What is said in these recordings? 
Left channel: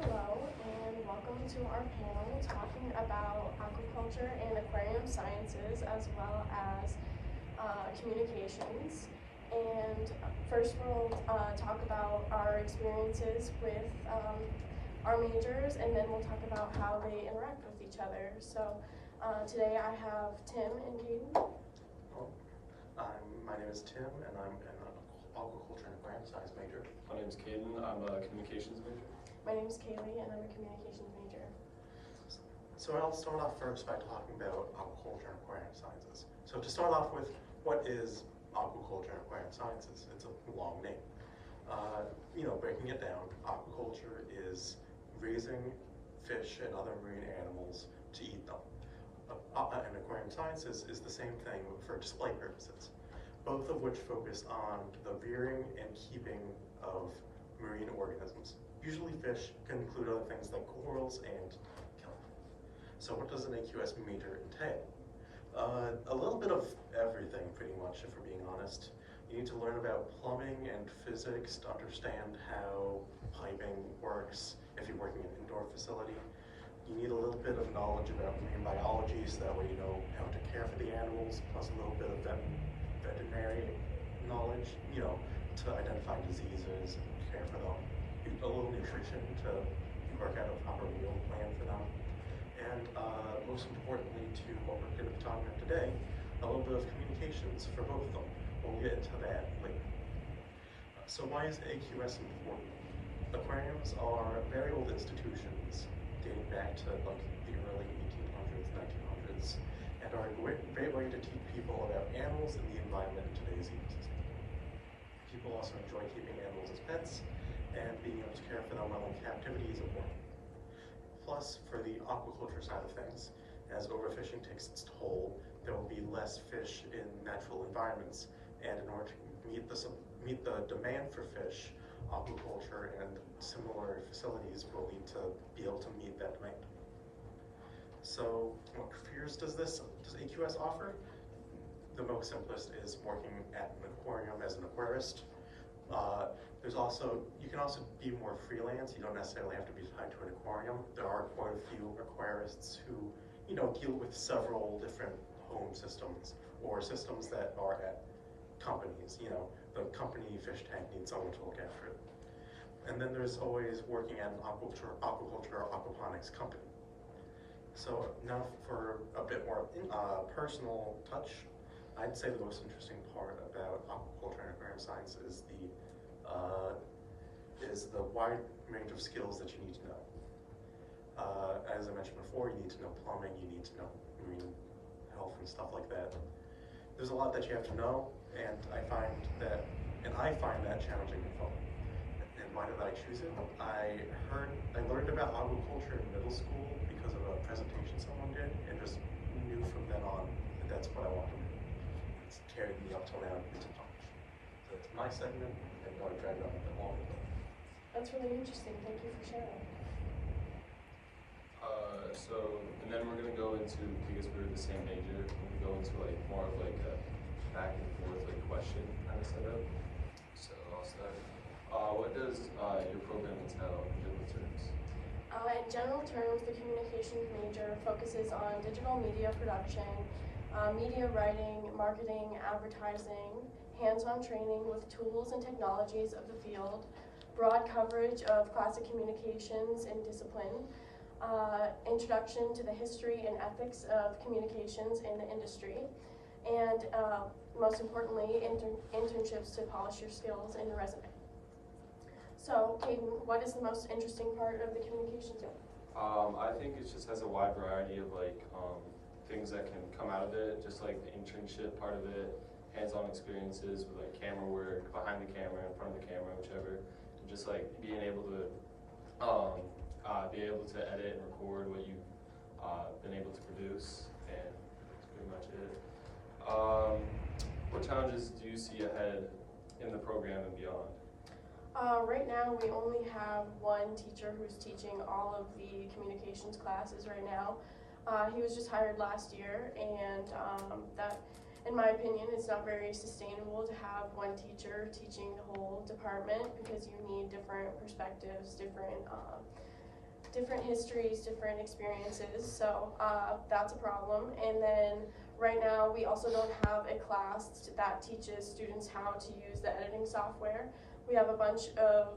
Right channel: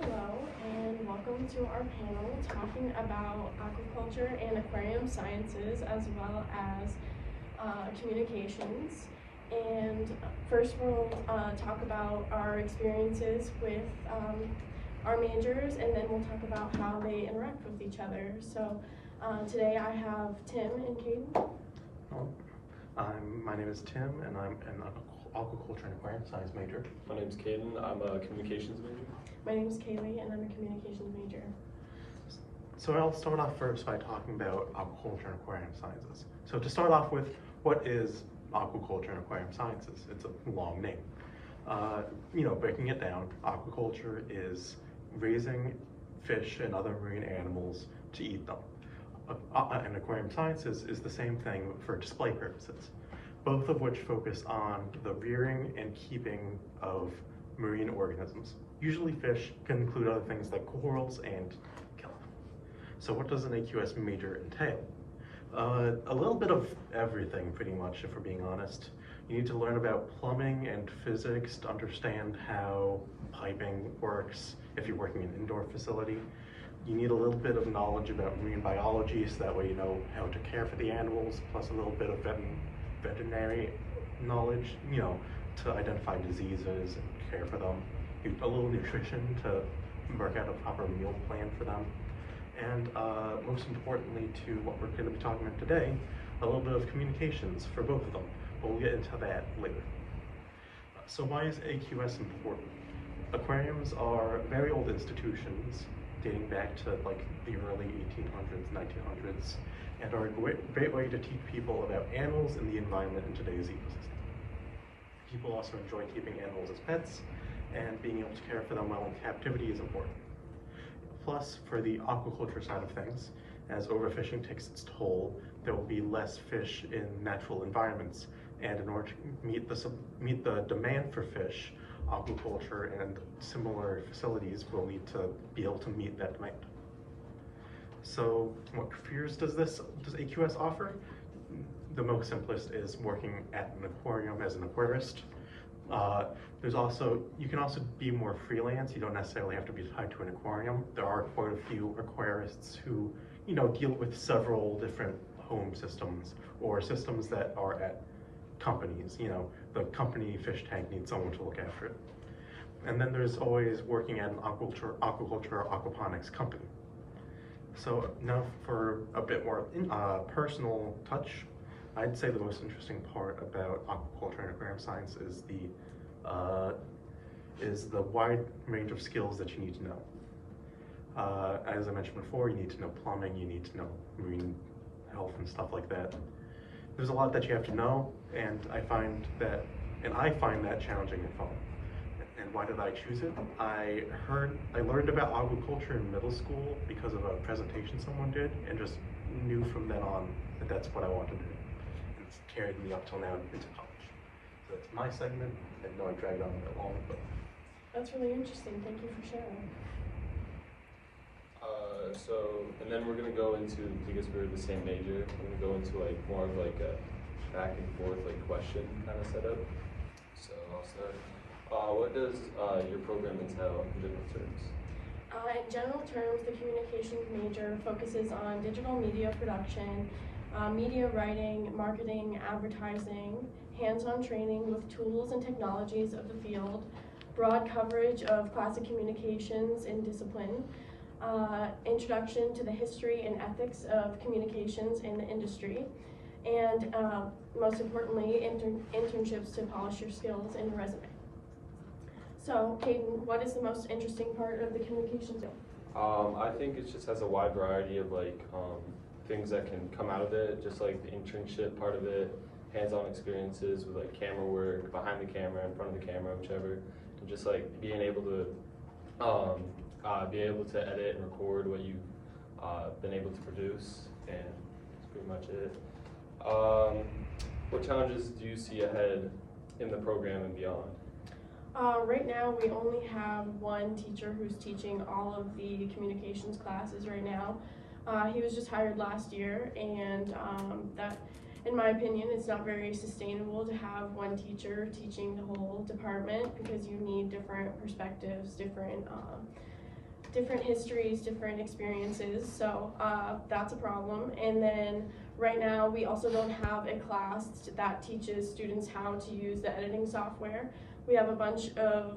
Hello, and welcome to our panel talking about aquaculture and aquarium sciences as well as communications. And first we'll talk about our experiences with our majors, and then we'll talk about how they interact with each other. So today I have Tim and Caden. My name is Tim, and I'm an aquaculture and aquarium science major. My name's Caden. I'm a communications major. My name is Kaylee, and I'm a communications major. So I'll start off first by talking about aquaculture and aquarium sciences. So to start off with, what is aquaculture and aquarium sciences? It's a long name. Breaking it down, aquaculture is raising fish and other marine animals to eat them. And aquarium sciences is the same thing for display purposes, both of which focus on the rearing and keeping of marine organisms. Usually fish can include other things like corals and kelp. So what does an AQS major entail? A little bit of everything, pretty much, if we're being honest. You need to learn about plumbing and physics to understand how piping works if you're working in an indoor facility. You need a little bit of knowledge about marine biology, so that way you know how to care for the animals, plus a little bit of veterinary knowledge, to identify diseases and care for them. A little nutrition to work out a proper meal plan for them. And most importantly to what we're going to be talking about today, a little bit of communications for both of them. But we'll get into that later. So why is AQS important? Aquariums are very old institutions dating back to like the early 1800s, 1900s, and are a great way to teach people about animals and the environment in today's ecosystem. People also enjoy keeping animals as pets, and being able to care for them while in captivity is important. Plus, for the aquaculture side of things, as overfishing takes its toll, there will be less fish in natural environments, and in order to meet the demand for fish, aquaculture and similar facilities will need to be able to meet that demand. So, what careers does AQS offer? The most simplest is working at an aquarium as an aquarist. You can also be more freelance. You don't necessarily have to be tied to an aquarium. There are quite a few aquarists who, deal with several different home systems or systems that are at companies. The company fish tank needs someone to look after it. And then there's always working at an aquaculture or aquaponics company. So now for a bit more personal touch, I'd say the most interesting part about aquaculture and aquarium science is the wide range of skills that you need to know. As I mentioned before, you need to know plumbing, you need to know marine health and stuff like that. There's a lot that you have to know, and I find that challenging and fun. And why did I choose it? I learned about aquaculture in middle school because of a presentation someone did, and just knew from then on that that's what I wanted to do. And it's carried me up till now into college. So that's my segment. I know I dragged on a bit long, but That's really interesting. Thank you for sharing. And then we're gonna go into, because we're the same major, we're gonna go into more of a back and forth question kind of setup. So I'll start. What does your program entail in general terms? In general terms, the communications major focuses on digital media production, media writing, marketing, advertising, hands-on training with tools and technologies of the field, broad coverage of classic communications in discipline, introduction to the history and ethics of communications in the industry, and most importantly, internships to polish your skills in your resume. So, Caden, what is the most interesting part of the communications field? I think it just has a wide variety of things that can come out of it, just like the internship part of it, hands-on experiences with camera work, behind the camera, in front of the camera, whichever, and just being able to edit and record what you've been able to produce, and that's pretty much it. What challenges do you see ahead in the program and beyond? Right now, we only have one teacher who's teaching all of the communications classes right now. He was just hired last year, and that, in my opinion, it's not very sustainable to have one teacher teaching the whole department, because you need different perspectives, different different histories, different experiences, so that's a problem. And then right now we also don't have a class that teaches students how to use the editing software. We have a bunch of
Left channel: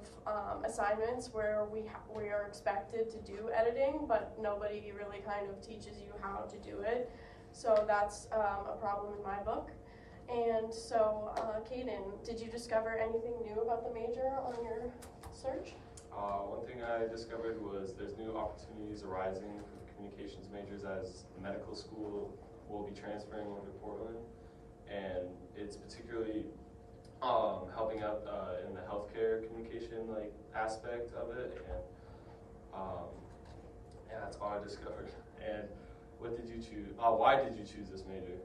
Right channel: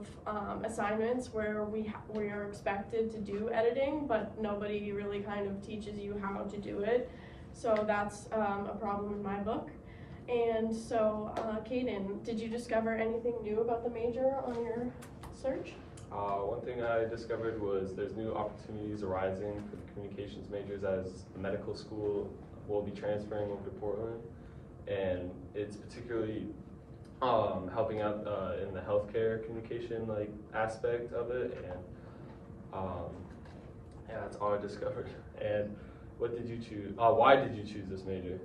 assignments where we are expected to do editing, but nobody really kind of teaches you how to do it. So that's a problem in my book. And so, Caden, did you discover anything new about the major on your search? One thing I discovered was there's new opportunities arising for the communications majors as the medical school will be transferring over to Portland, and it's particularly helping out in the healthcare communication aspect of it, and yeah, that's all I discovered. And what did you choose? Why did you choose this major?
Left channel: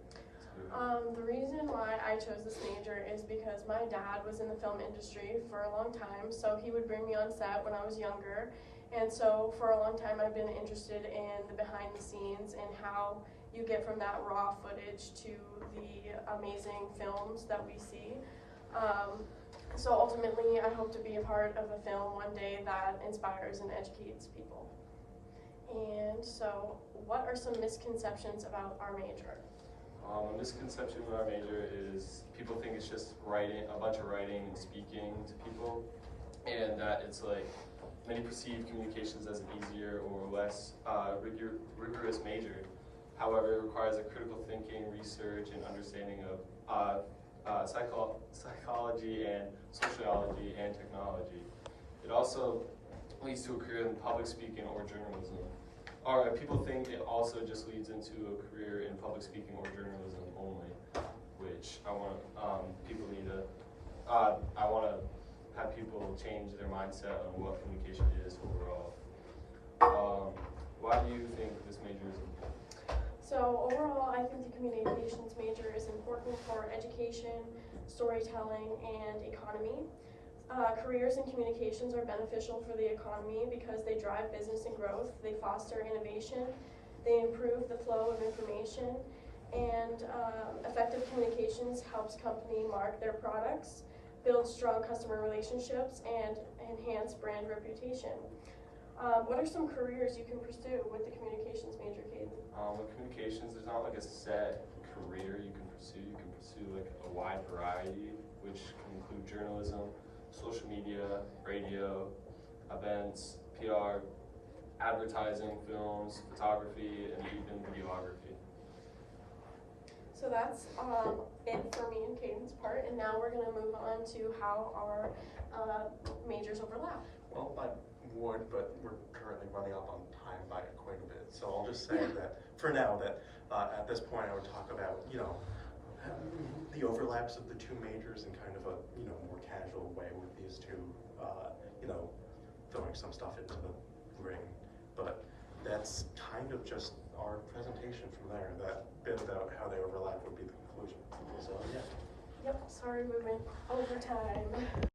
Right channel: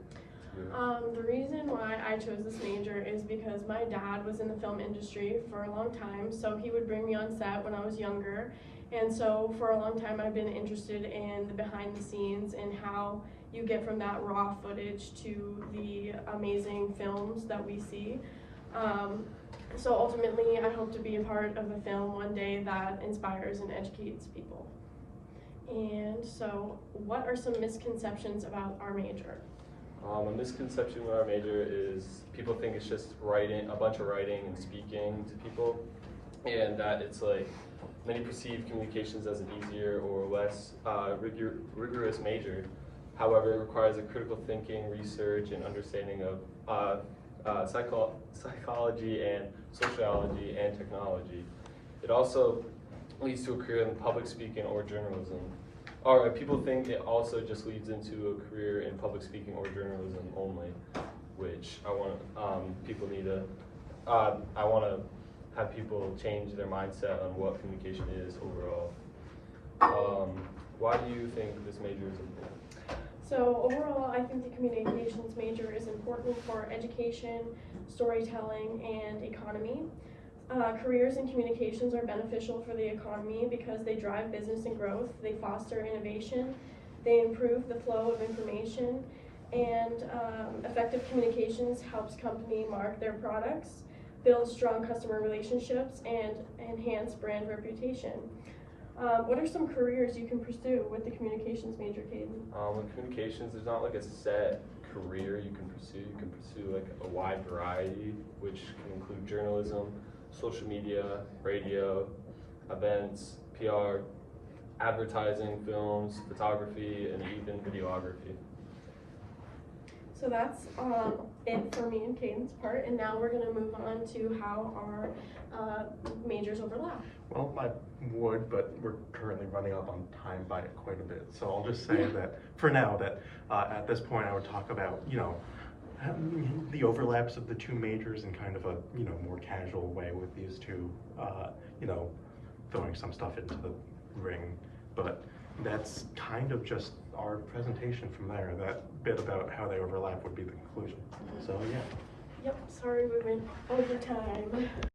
The reason why I chose this major is because my dad was in the film industry for a long time, so he would bring me on set when I was younger, and so for a long time I've been interested in the behind the scenes and how you get from that raw footage to the amazing films that we see. So ultimately I hope to be a part of a film one day that inspires and educates people. And so what are some misconceptions about our major? A misconception with our major is people think it's just writing, a bunch of writing and speaking to people, and that it's like many perceive communications as an easier or less rigorous major. However, it requires a critical thinking, research, and understanding of psychology and sociology and technology. It also leads to a career in public speaking or journalism. Or people think it also just leads into a career in public speaking or journalism only, which I want people need to. I want to have people change their mindset on what communication is overall. Why do you think this major is important? So overall, I think the communications major is important for education, storytelling, and economy. Careers in communications are beneficial for the economy because they drive business and growth, they foster innovation, they improve the flow of information, and effective communications helps company market their products, build strong customer relationships, and enhance brand reputation. What are some careers you can pursue with the communications major, Caden? With communications, there's not like a set career you can pursue. You can pursue like a wide variety, which can include journalism, social media, radio, events, PR, advertising, films, photography, and even videography. So that's it for me and Caden's part, and now we're going to move on to how our majors overlap. Well, I would, but we're currently running up on time by quite a bit. So I'll just say that for now, that at this point I would talk about, the overlaps of the two majors in kind of a, more casual way with these two, throwing some stuff into the ring. But that's kind of just our presentation from there. That bit about how they overlap would be the conclusion. So yeah. Yep, sorry we went over time.